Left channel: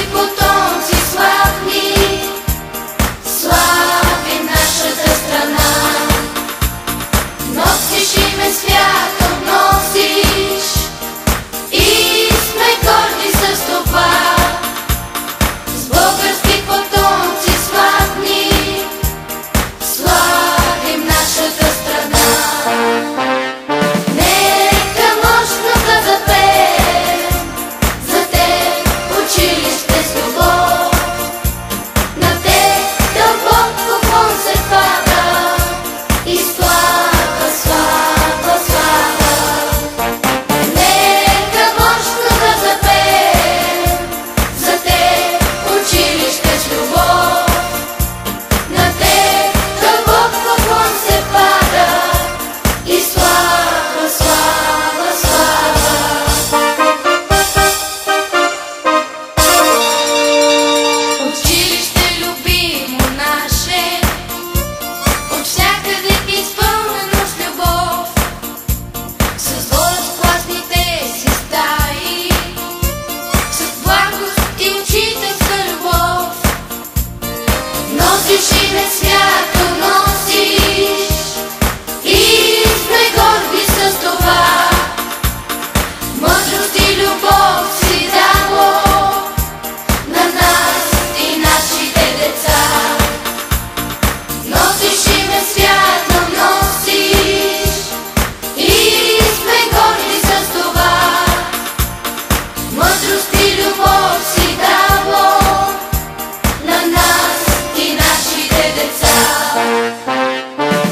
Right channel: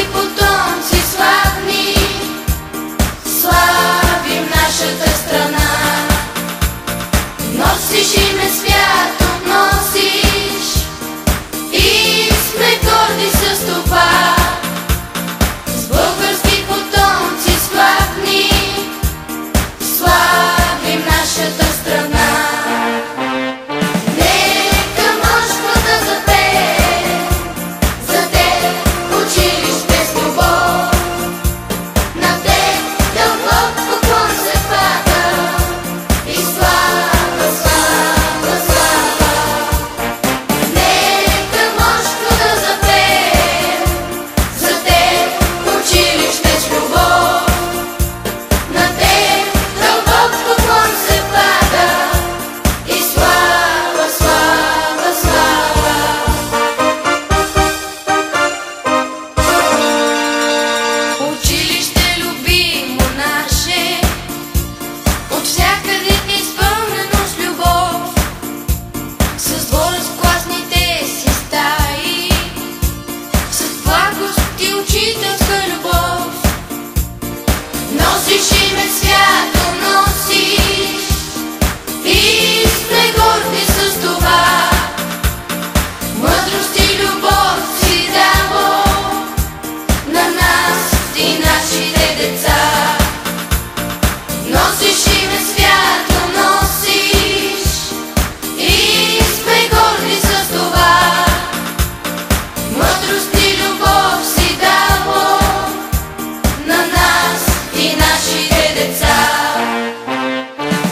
български потомци славни, славим нашата страна. Носиш име свято, носиш и сме горди с това. С български потомци славни, славим нашата страна. Носиш име свято, носиш и сме горди с това. Мъдрост и любов си дало на нас и нашите деца. Носиш име свято, носиш и сме горди с това. Мъдрост и любов си дало на нас и нашите деца.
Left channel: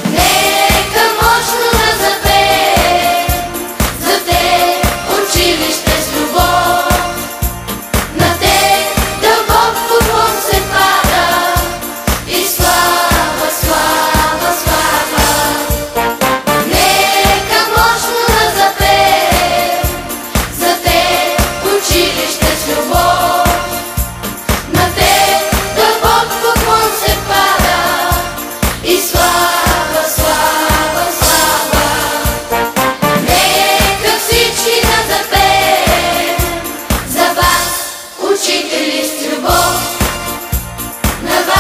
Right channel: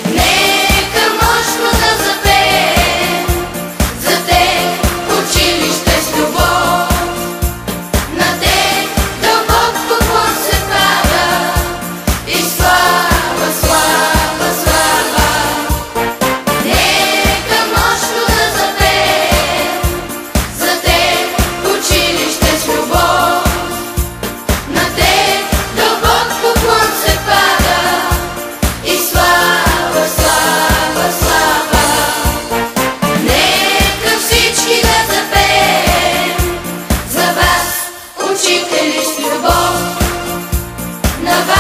Нека мощно да запеем за те училище с любов. На те дълбок поклон се пада и слава, слава, слава. Нека мощно да запеем за те училище с любов. На те дълбок поклон се пада и слава, слава, слава. Нека всички да запеем за вас, учители с любов. На вас